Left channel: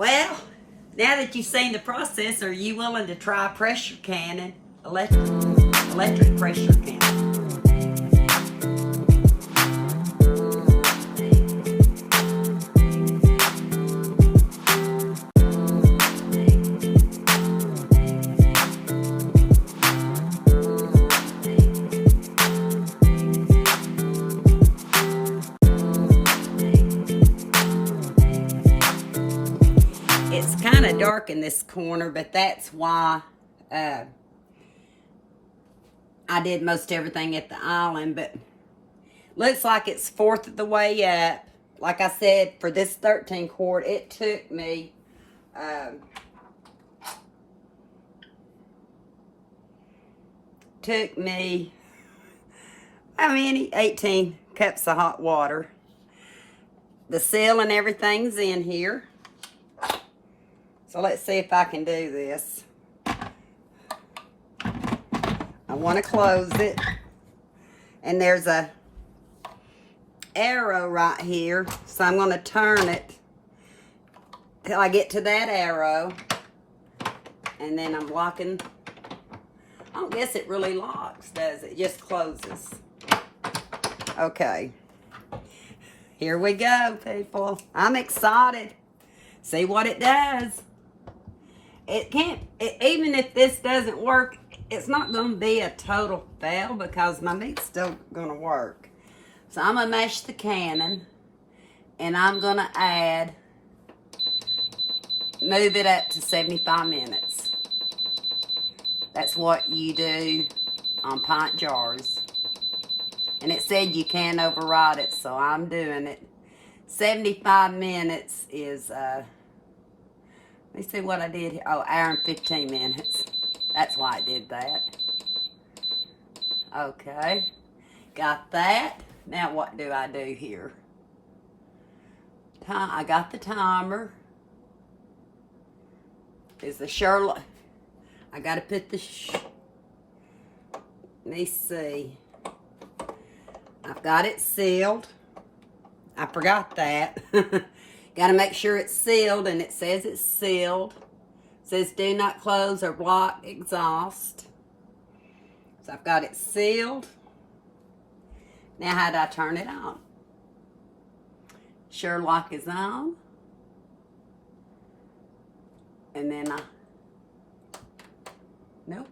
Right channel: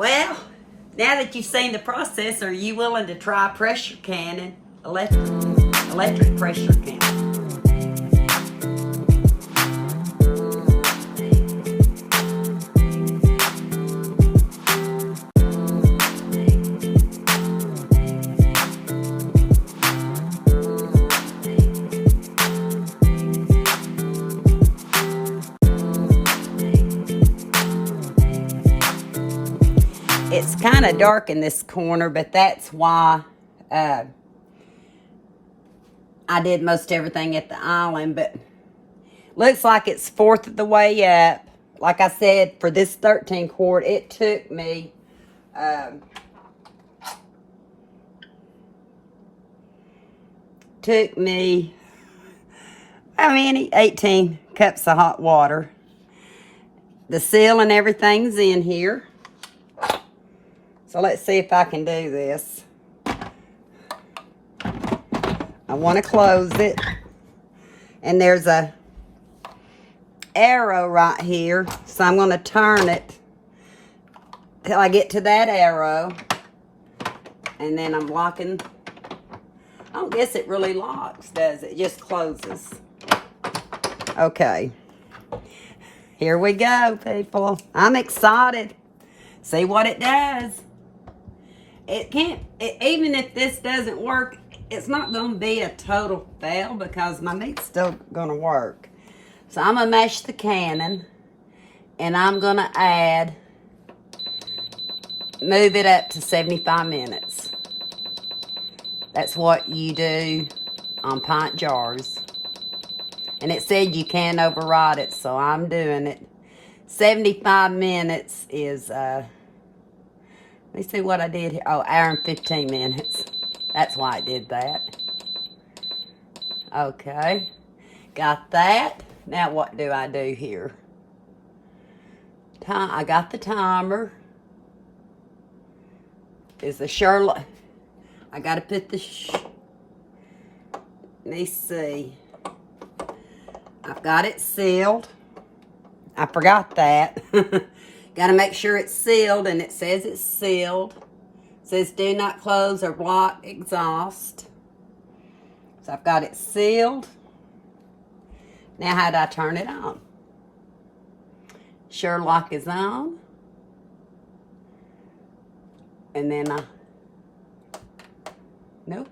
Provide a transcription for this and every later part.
Well, now that you've seen the process, are you willing to try pressure canning? Electric pressure canning. It's kind of dark in this corner, but that's why I did most everything at the island. But looks like it's fourth of the way up. Like I said, for this 13 quart, it took me how many? 18 cups of hot water. The seal and everything's in here. So let's see if I can do this. I want to close it. And there's a arrow right here. So I'm going to turn it till I get to that arrow. And then I'm locking. I don't guess it really locks, does it? It just closes. Okay. Here we go, people. I'm excited. See what it does. Even if this doesn't work, it's not going to be a total fail because my meat's still going to work. So I'm going to mash the cannon, and I'm going to move it up to 75 minutes. That's what you do on pint jars. And it said you can override it, so I'm doing it. 75 minutes is, let me see what I did here. Oh, hour and 15 minutes. That's why it did that. Okay. Got that. Now what do I do here? I got the timer. Is the Sherlock. I got to put the... Let me see. I've got it sealed. I forgot that. Got to make sure it's sealed, and it says it's sealed. It says do not close or block exhaust. So I've got it sealed. Now how do I turn it on? Sherlock is on. And then nope.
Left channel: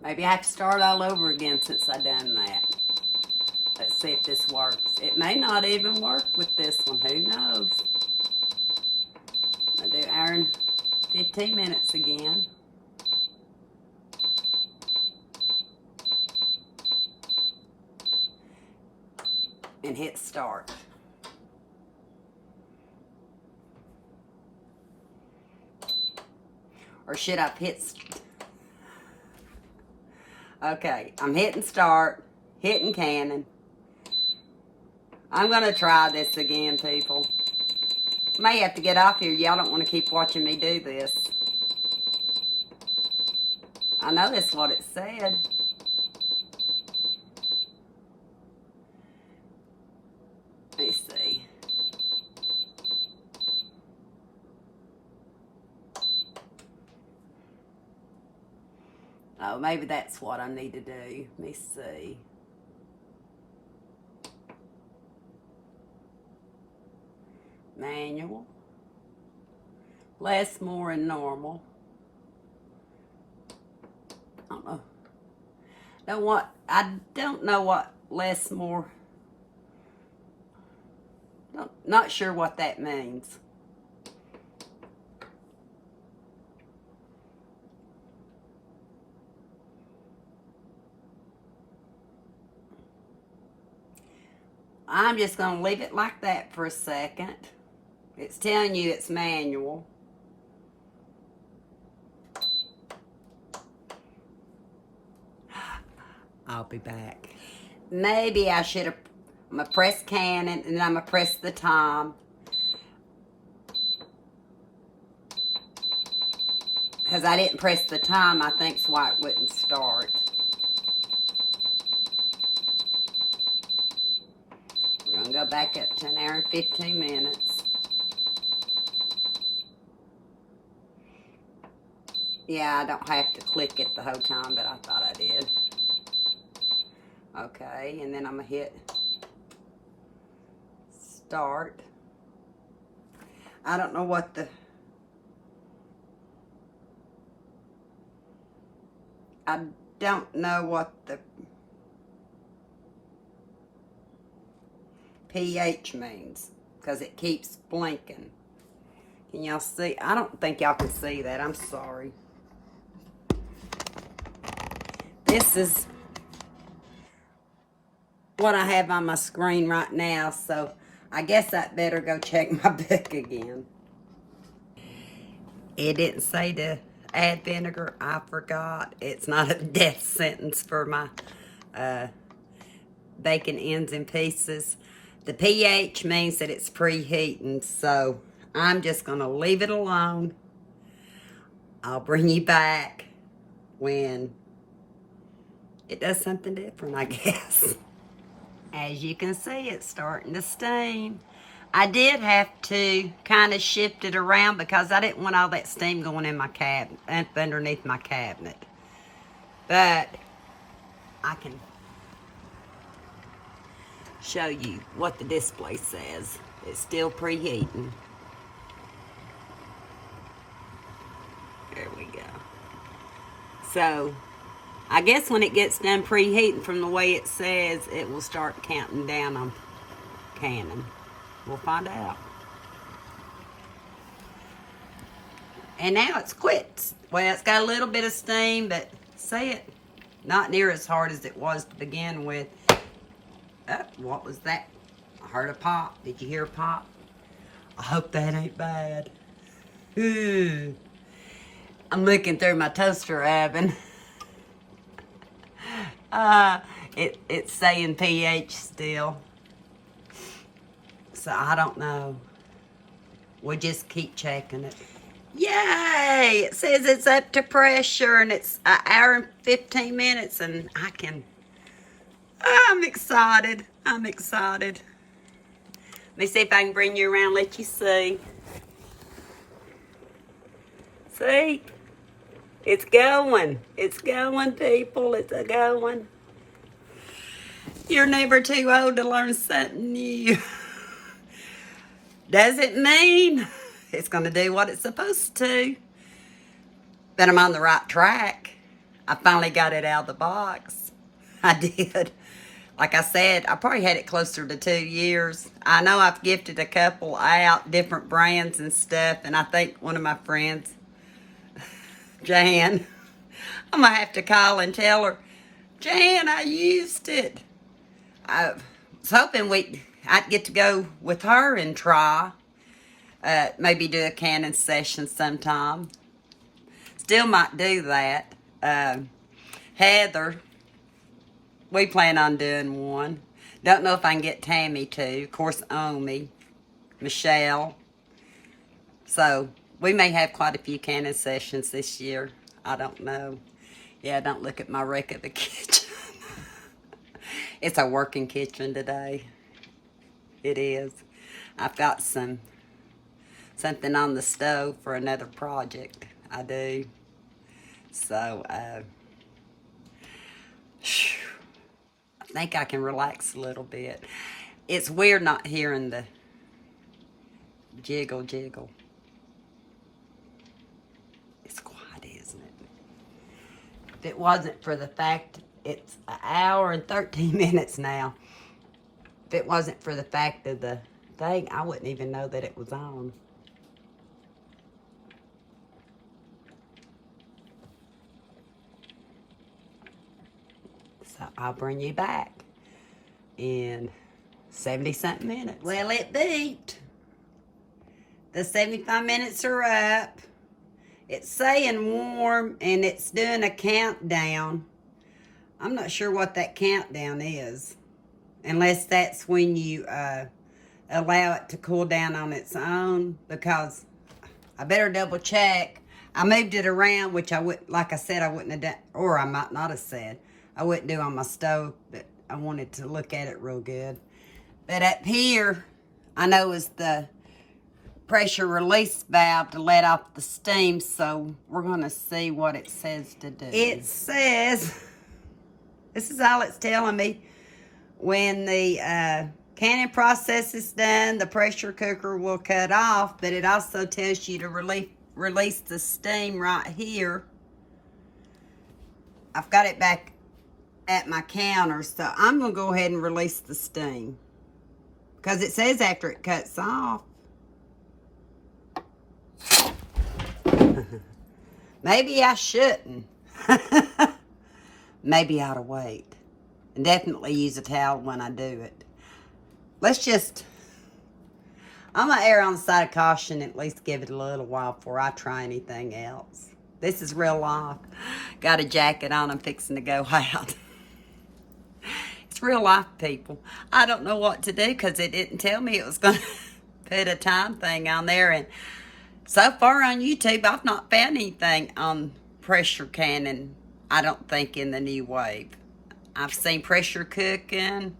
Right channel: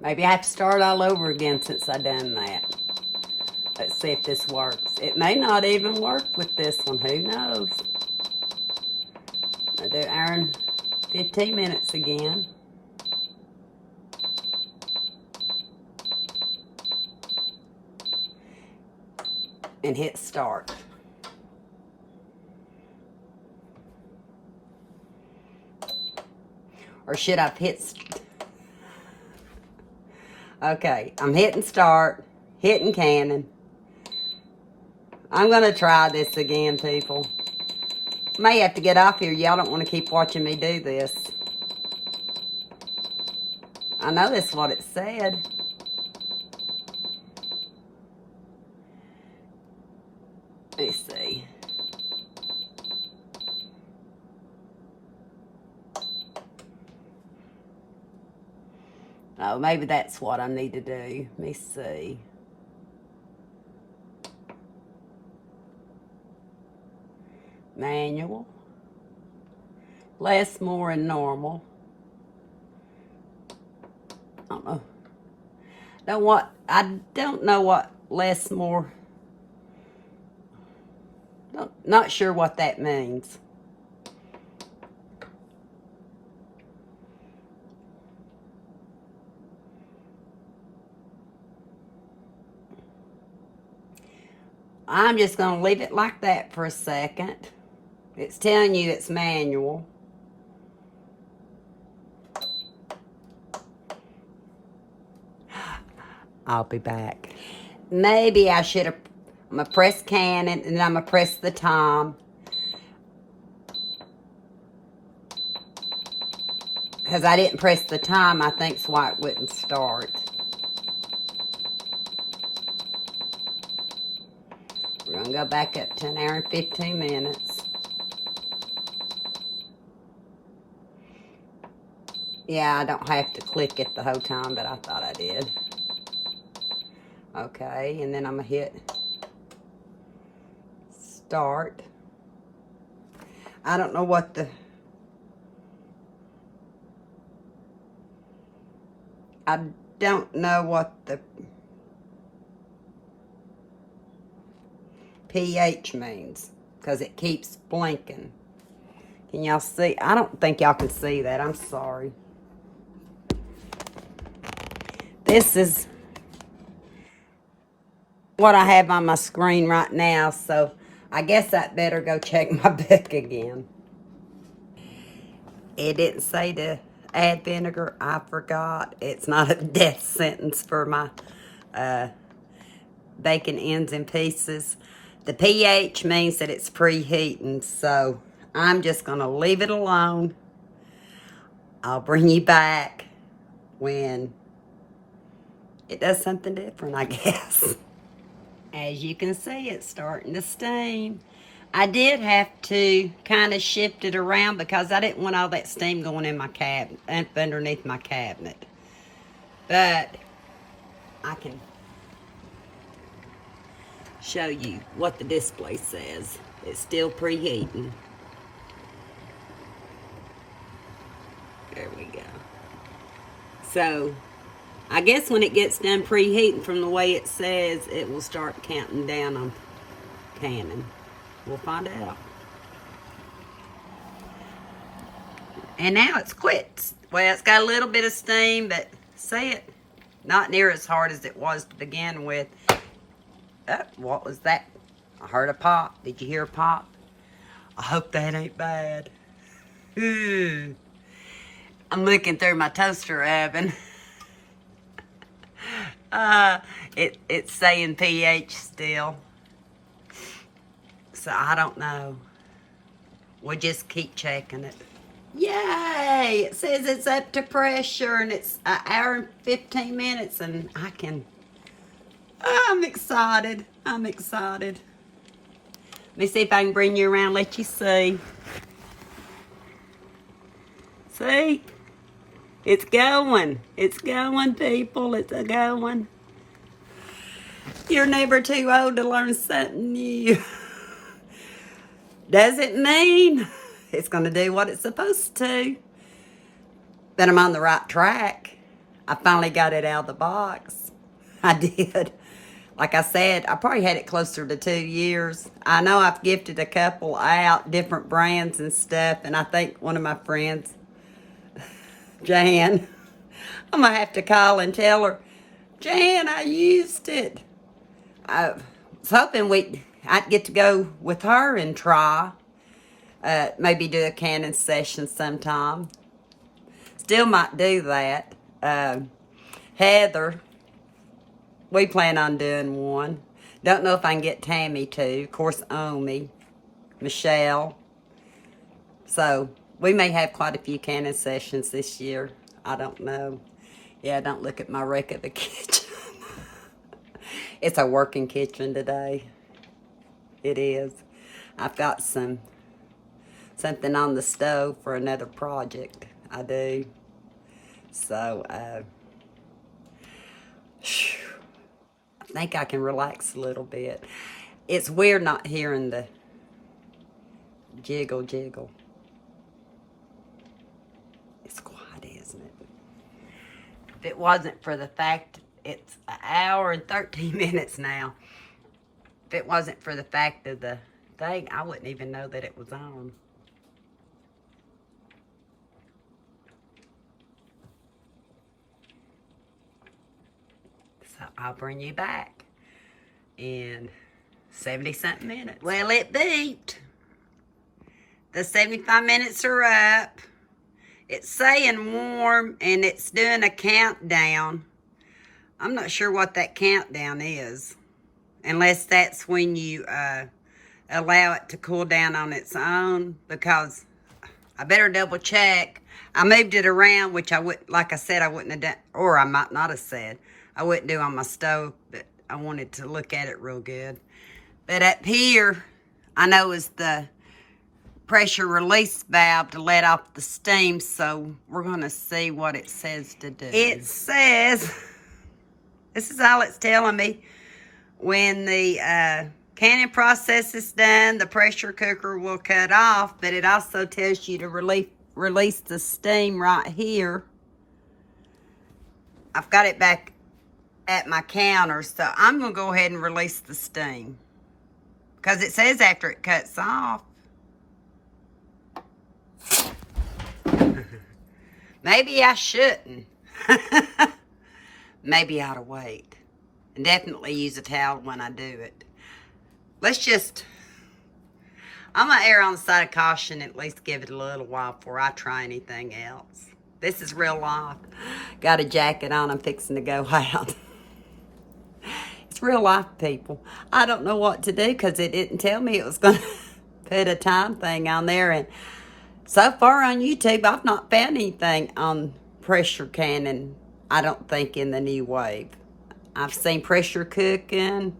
Maybe I have to start all over again since I done that. Let's see if this works. It may not even work with this one. Who knows? I'll do hour and 15 minutes again. And hit start. Or should I hit... Okay, I'm hitting start, hitting cannon. I'm going to try this again, people. May have to get off here. Y'all don't want to keep watching me do this. I know that's what it said. Let me see. Oh, maybe that's what I need to do. Let me see. Manual. Less, more, and normal. I don't know what less, more. Not sure what that means. I'm just going to leave it like that for a second. It's telling you it's manual. I'll be back. Maybe I should have... I'm going to press cannon, and then I'm going to press the time. Because I didn't press the time, I think's why it wouldn't start. We're going to go back up to an hour and 15 minutes. Yeah, I don't have to click it the whole time, but I thought I did. Okay, and then I'm going to hit start. I don't know what the... I don't know what the pH means because it keeps blinking. Can y'all see? I don't think y'all can see that. I'm sorry. This is what I have on my screen right now, so I guess I'd better go check my book again. It didn't say to add vinegar. I forgot. It's not a death sentence for my bacon ends in pieces. The pH means that it's preheating, so I'm just going to leave it alone. I'll bring you back when it does something different, I guess. As you can see, it's starting to steam. I did have to kind of shift it around because I didn't want all that steam going in my cabinet, underneath my cabinet. But I can show you what the display says. It's still preheating. There we go. So, I guess when it gets done preheating from the way it says, it will start counting down on canning. We'll find out. And now it's quit. Well, it's got a little bit of steam, but see it? Not near as hard as it was to begin with. Oh, what was that? I heard a pop. Did you hear a pop? I hope that ain't bad. Ooh. I'm looking through my toaster oven. It's saying pH still. So I don't know. We'll just keep checking it. Yay! It says it's up to pressure and it's an hour and 15 minutes and I can... I'm excited. I'm excited. Let me see if I can bring you around, let you see. See? It's going. It's going, people. It's a-going. You're never too old to learn something new. Doesn't mean it's going to do what it's supposed to. But I'm on the right track. I finally got it out of the box. I did. Like I said, I probably had it closer to 2 years. I know I've gifted a couple out, different brands and stuff, and I think one of my friends, Jan, I'm going to have to call and tell her, Jan, I used it. I was hoping I'd get to go with her and try. Maybe do a canning session sometime. Still might do that. Heather, we plan on doing one. Don't know if I can get Tammy to. Of course, Omi, Michelle. So, we may have quite a few canning sessions this year. I don't know. Yeah, don't look at my wreck of a kitchen. It's a working kitchen today. It is. I've got something on the stove for another project. I do. So, I think I can relax a little bit. It's weird not hearing the jiggle. It's quiet, isn't it? If it wasn't for the fact it's an hour and 13 minutes now. If it wasn't for the fact of the thing, I wouldn't even know that it was on. So I'll bring you back in 70-something minutes. Well, it beeped. The 75 minutes are up. It's saying warm and it's doing a countdown. I'm not sure what that countdown is. Unless that's when you allow it to cool down on its own. Because I better double check. I moved it around, which I would, like I said, I wouldn't have done, or I might not have said. I wouldn't do on my stove, but I wanted to look at it real good. But up here, I know is the pressure release valve to let off the steam, so we're going to see what it says to do. It says, this is all it's telling me, when the canning process is done, the pressure cooker will cut off, but it also tells you to release the steam right here. I've got it back at my counter, so I'm going to go ahead and release the steam, because it says after it cuts off. Maybe I shouldn't. Maybe I ought to wait. And definitely use a towel when I do it. I'm going to err on the side of caution and at least give it a little while before I try anything else. This is real life. Got a jacket on, I'm fixing to go out. It's real life, people. I don't know what to do because it didn't tell me it was going to put a time thing on there. And so far on YouTube, I've not found anything on pressure canning, I don't think, in the Nuwave. I've seen pressure cooking.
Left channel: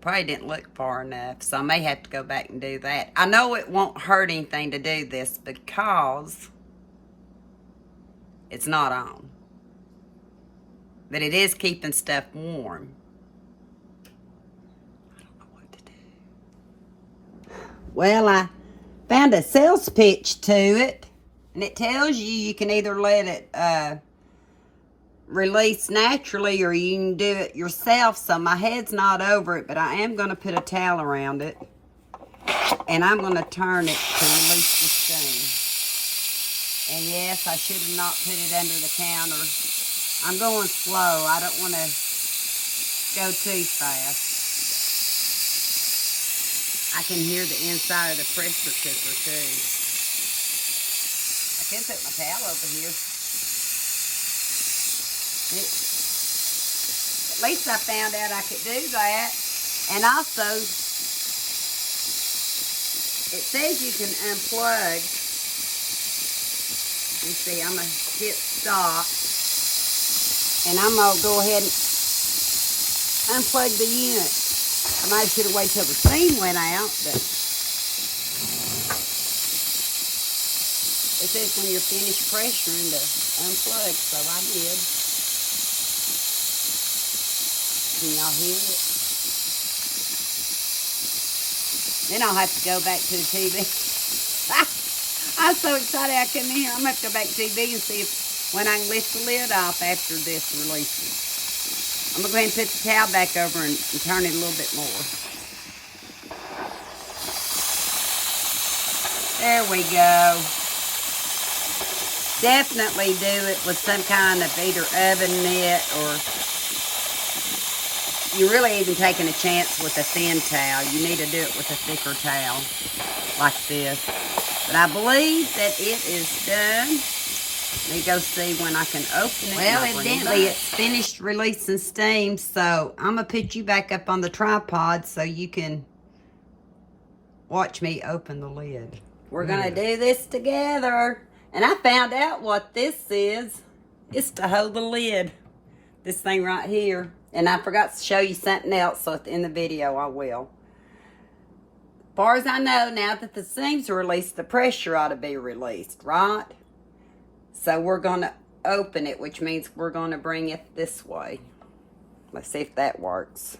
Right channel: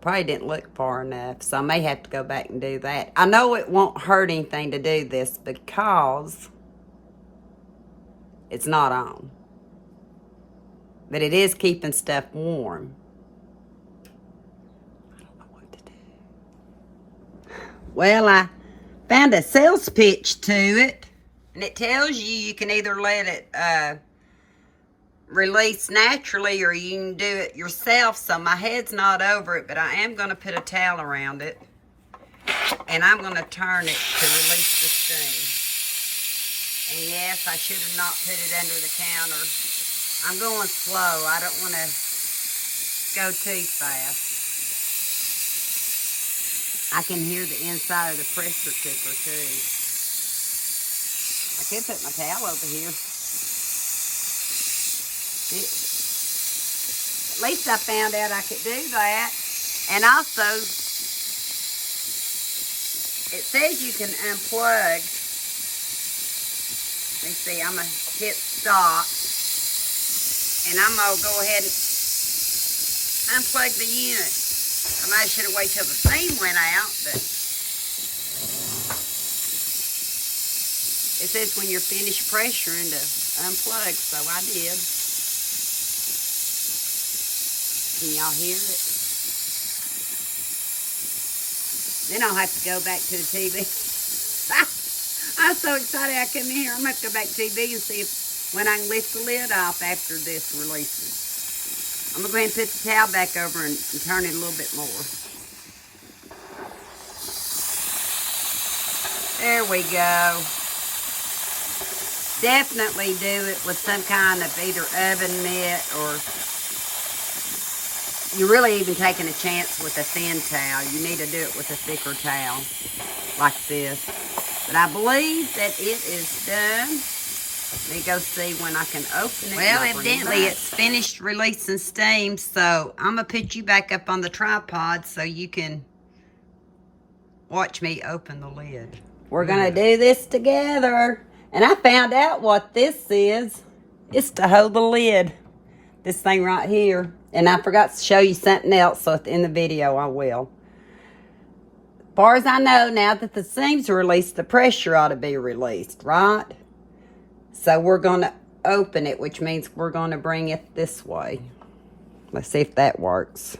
Probably didn't look far enough, so I may have to go back and do that. I know it won't hurt anything to do this because it's not on. But it is keeping stuff warm. I don't know what to do. Well, I found a sales pitch to it, and it tells you can either let it release naturally or you can do it yourself. So my head's not over it, but I am going to put a towel around it, and I'm going to turn it to release the steam. And yes, I should have not put it under the counter. I'm going slow. I don't want to go too fast. I can hear the inside of the pressure cooker too. I could put my towel over here. At least I found out I could do that. And also, it says you can unplug. Let me see, I'm going to hit stop. And I'm going to go ahead and unplug the unit. I might should have waited till the steam went out, but it says when you're finished pressuring to unplug, so I did. Can y'all hear it? Then I'll have to go back to the TV. I'm so excited I come in here. I'm going to have to go back to TV and see if when I can lift the lid off after this releases. I'm going to go ahead and put the towel back over and turn it a little bit more. There we go. Definitely do it with some kind of either oven mitt, or you're really even taking a chance with a thin towel. You need to do it with a thicker towel like this. But I believe that it is done. Let me go see when I can open it. Well, evidently it's finished releasing steam, so I'm going to put you back up on the tripod so you can watch me open the lid. We're going to do this together. And I found out what this is. It's to hold the lid. This thing right here. And I forgot to show you something else, so in the video I will. As far as I know, now that the steam's released, the pressure ought to be released, right? So we're going to open it, which means we're going to bring it this way. Let's see if that works.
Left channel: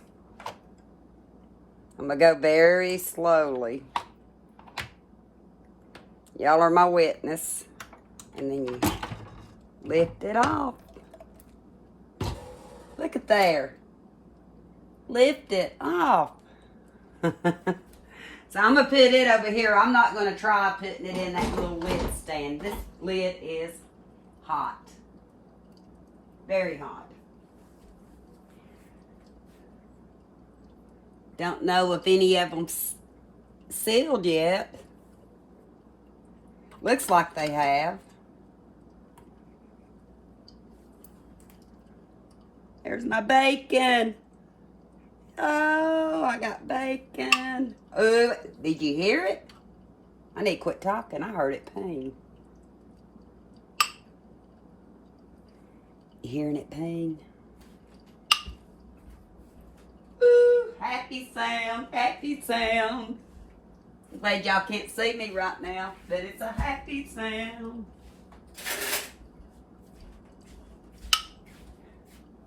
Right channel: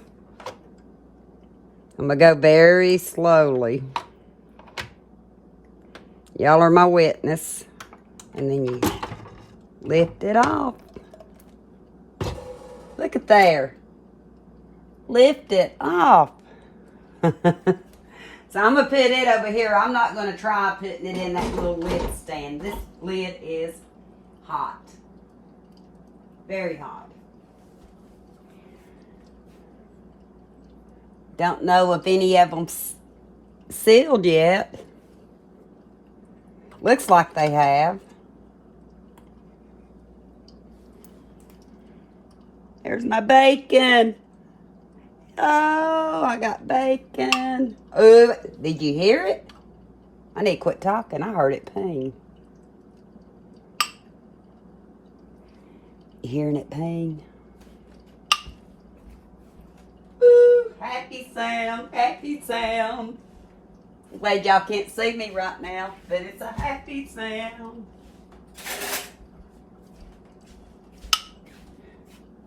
I'm going to go very slowly. Y'all are my witness. And then you lift it off. Look at there. Lift it off. So I'm going to put it over here. I'm not going to try putting it in that little lid stand. This lid is hot. Very hot. Don't know if any of them sealed yet. Looks like they have. There's my bacon. Oh, I got bacon. Oh, did you hear it? I need to quit talking. I heard it ping. You hearing it ping? Ooh, happy sound, happy sound. I'm glad y'all can't see me right now, but it's a happy sound.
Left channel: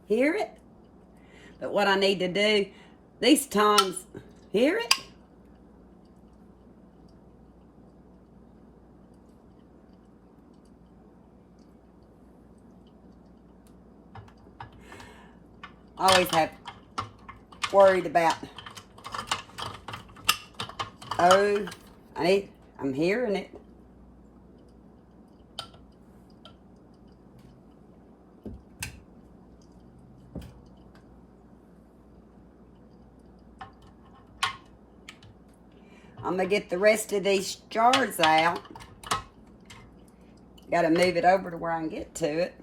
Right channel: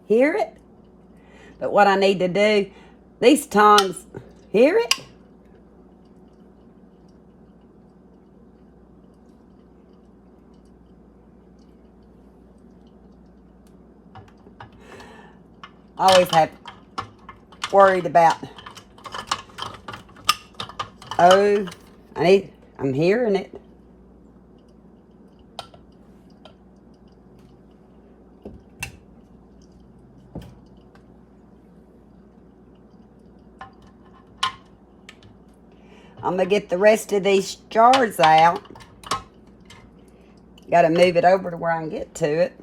Hear it? But what I need to do, these tongs, hear it? I always have worried about, oh, I'm hearing it. I'm gonna get the rest of these jars out. Gotta move it over to where I can get to it.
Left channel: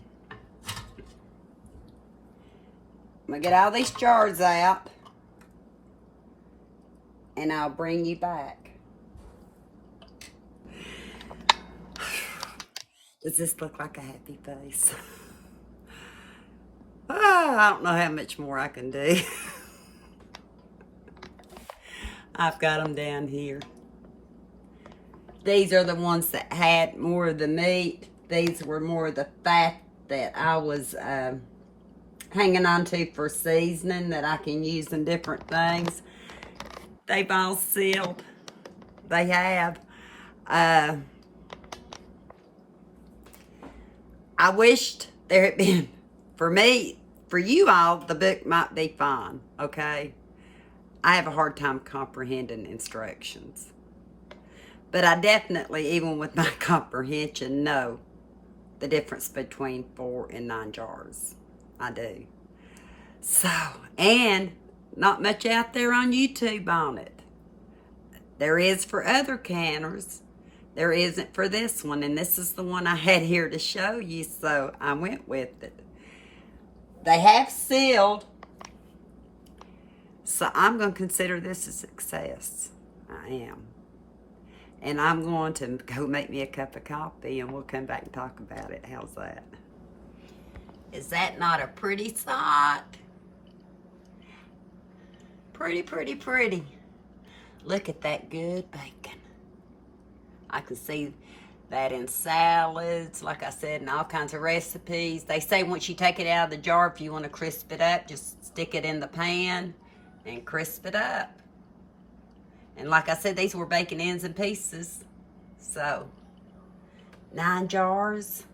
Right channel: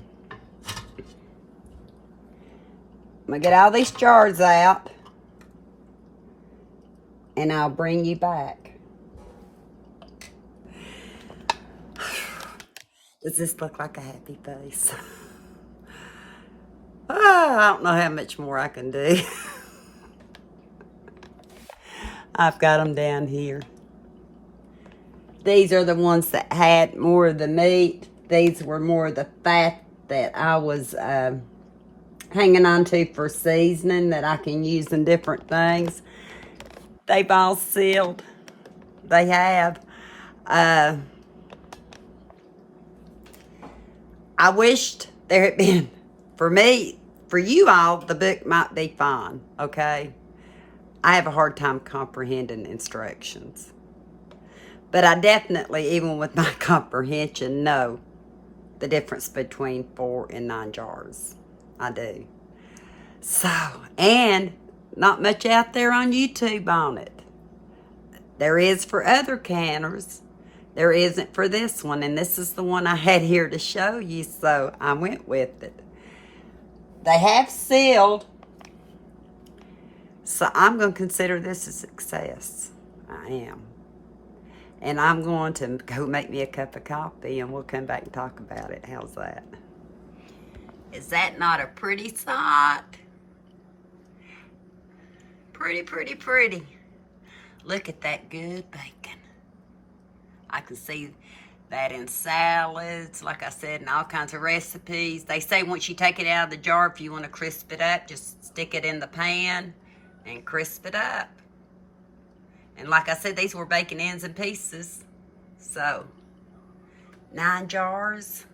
I'm gonna get all these jars out and I'll bring you back. Does this look like a happy face? Oh, I don't know how much more I can do. I've got them down here. These are the ones that had more of the meat. These were more of the fat that I was hanging on to for seasoning that I can use in different things. They've all sealed. They have. I wished there had been, for me, for you all, the book might be fine, okay? I have a hard time comprehending instructions. But I definitely, even with my comprehension, know the difference between 4 and 9 jars. I do. So, and not much out there on YouTube on it. There is for other canners. There isn't for this one. And this is the one I had here to show you, so I went with it. They have sealed. So I'm going to consider this a success. I am. And I'm going to go make me a cup of coffee and we'll come back and talk about it. How's that? Is that not a pretty sight? Pretty, pretty, pretty. Look at that good bacon. I can see that in salads, like I said, in all kinds of recipes. They say once you take it out of the jar, if you want to crisp it up, just stick it in the pan and crisp it up. And like I said, these were bacon ends and pieces. So, 9 jars.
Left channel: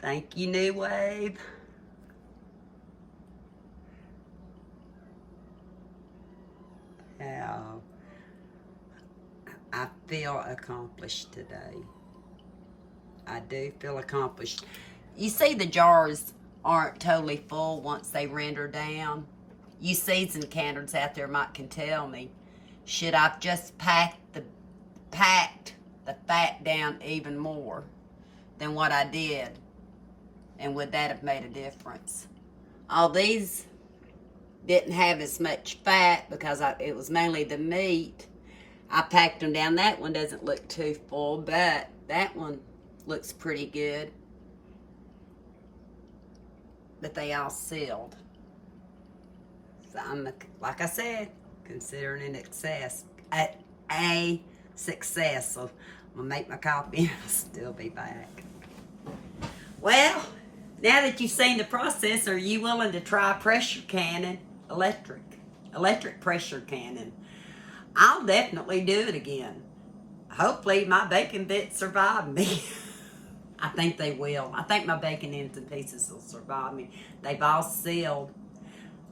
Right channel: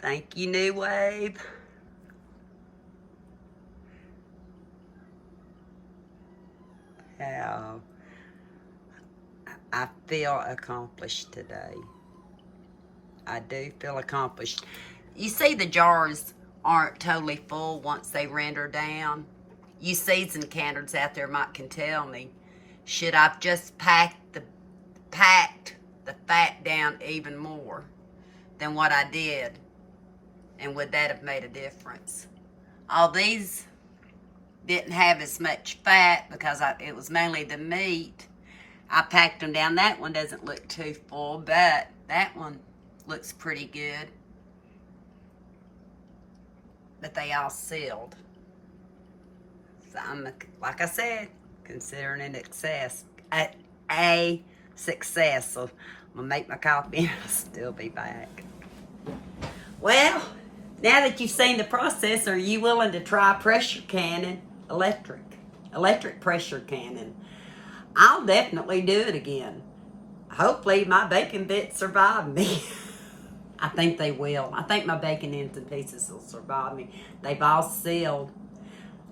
Thank you, Nuwave. How I feel accomplished today. I do feel accomplished. You see the jars aren't totally full once they render down. You seasoned canners out there can tell me, should I've just packed the fat down even more than what I did? And would that have made a difference? All these didn't have as much fat because it was mainly the meat. I packed them down. That one doesn't look too full, but that one looks pretty good. But they all sealed. So I'm, like I said, considering an success. A success. So I'm gonna make my coffee and I'll still be back. Well, now that you've seen the process, are you willing to try pressure canning? Electric pressure canning. I'll definitely do it again. Hopefully my bacon bits survive me. I think they will. I think my bacon ends and pieces will survive me. They've all sealed.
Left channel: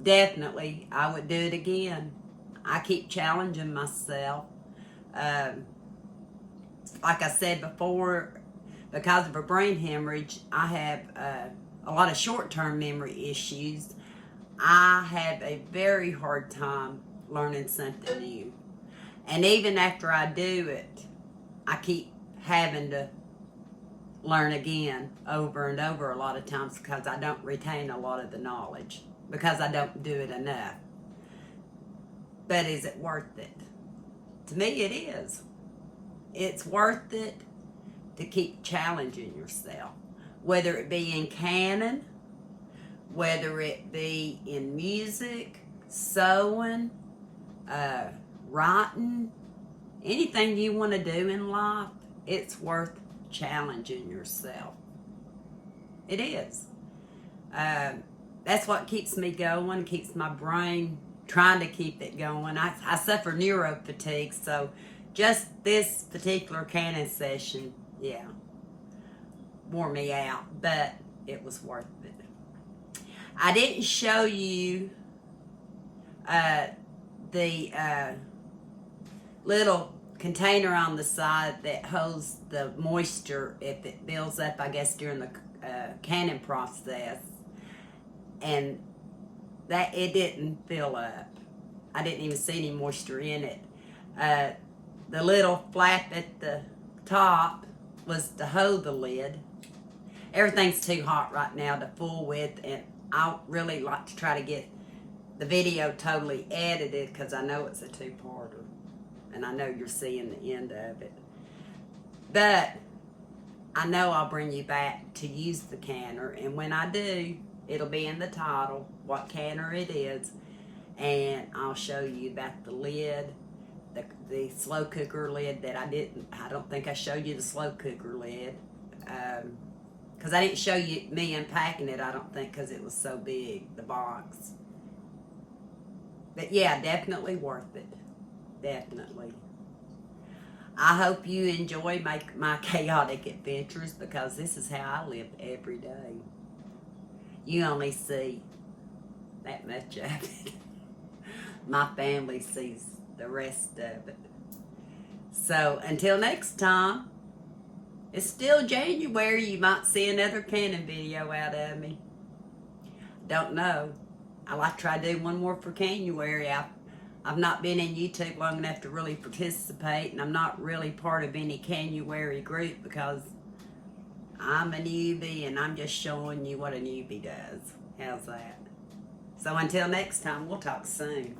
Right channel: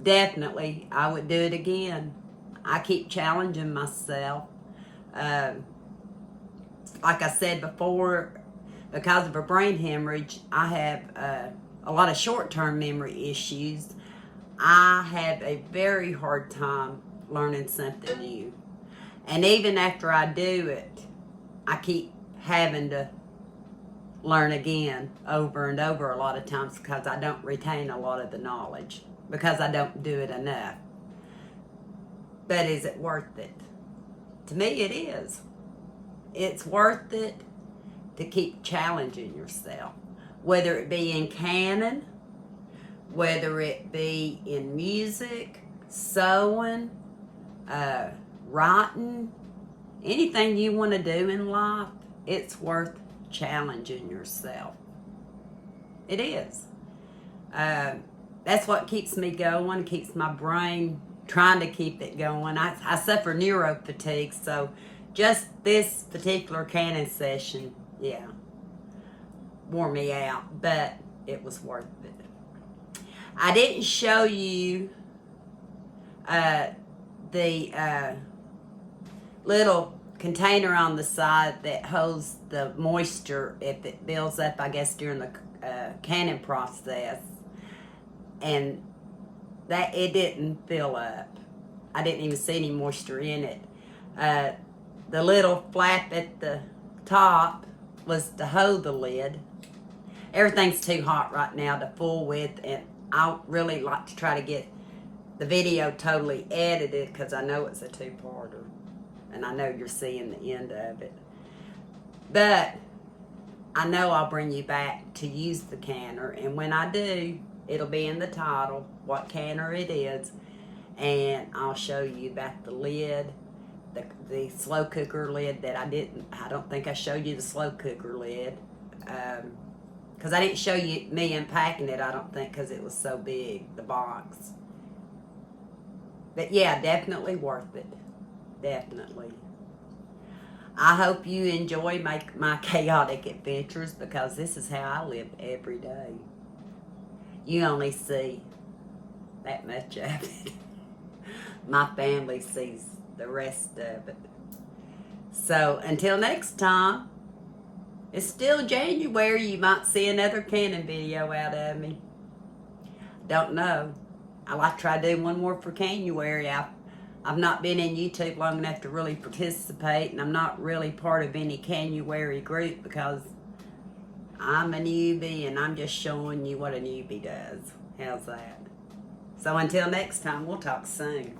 Definitely, I would do it again. I keep challenging myself. Like I said before, because of a brain hemorrhage, I have a lot of short-term memory issues. I have a very hard time learning something new. And even after I do it, I keep having to learn again over and over a lot of times because I don't retain a lot of the knowledge, because I don't do it enough. But is it worth it? To me, it is. It's worth it to keep challenging yourself, whether it be in canning, whether it be in music, sewing, writing, anything you want to do in life, it's worth challenging yourself. It is. That's what keeps me going, keeps my brain trying to keep it going. I suffer neuro fatigue, so just this particular canning session, yeah, wore me out, but it was worth it. I didn't show you the little container on the side that holds the moisture if it builds up, I guess, during the canning process, and that it didn't fill up. I didn't even see any moisture in it. The little flap at the top was to hold the lid. Everything's too hot right now to fool with, and I really like to try to get the video totally edited because I know it's a two-parter, and I know you're seeing the end of it. But I know I'll bring you back to use the canner, and when I do, it'll be in the title what canner it is, and I'll show you about the lid, the slow cooker lid that I don't think I showed you the slow cooker lid, because I didn't show you me unpacking it, I don't think, because it was so big, the box. But yeah, definitely worth it. Definitely. I hope you enjoy my chaotic adventures, because this is how I live every day. You only see that much of it. My family sees the rest of it. So until next time, it's still January. You might see another canning video out of me. Don't know. I like to try to do one more for January. I've not been in YouTube long enough to really participate, and I'm not really part of any January group because I'm a newbie and I'm just showing you what a newbie does. How's that? So until next time, we'll talk soon.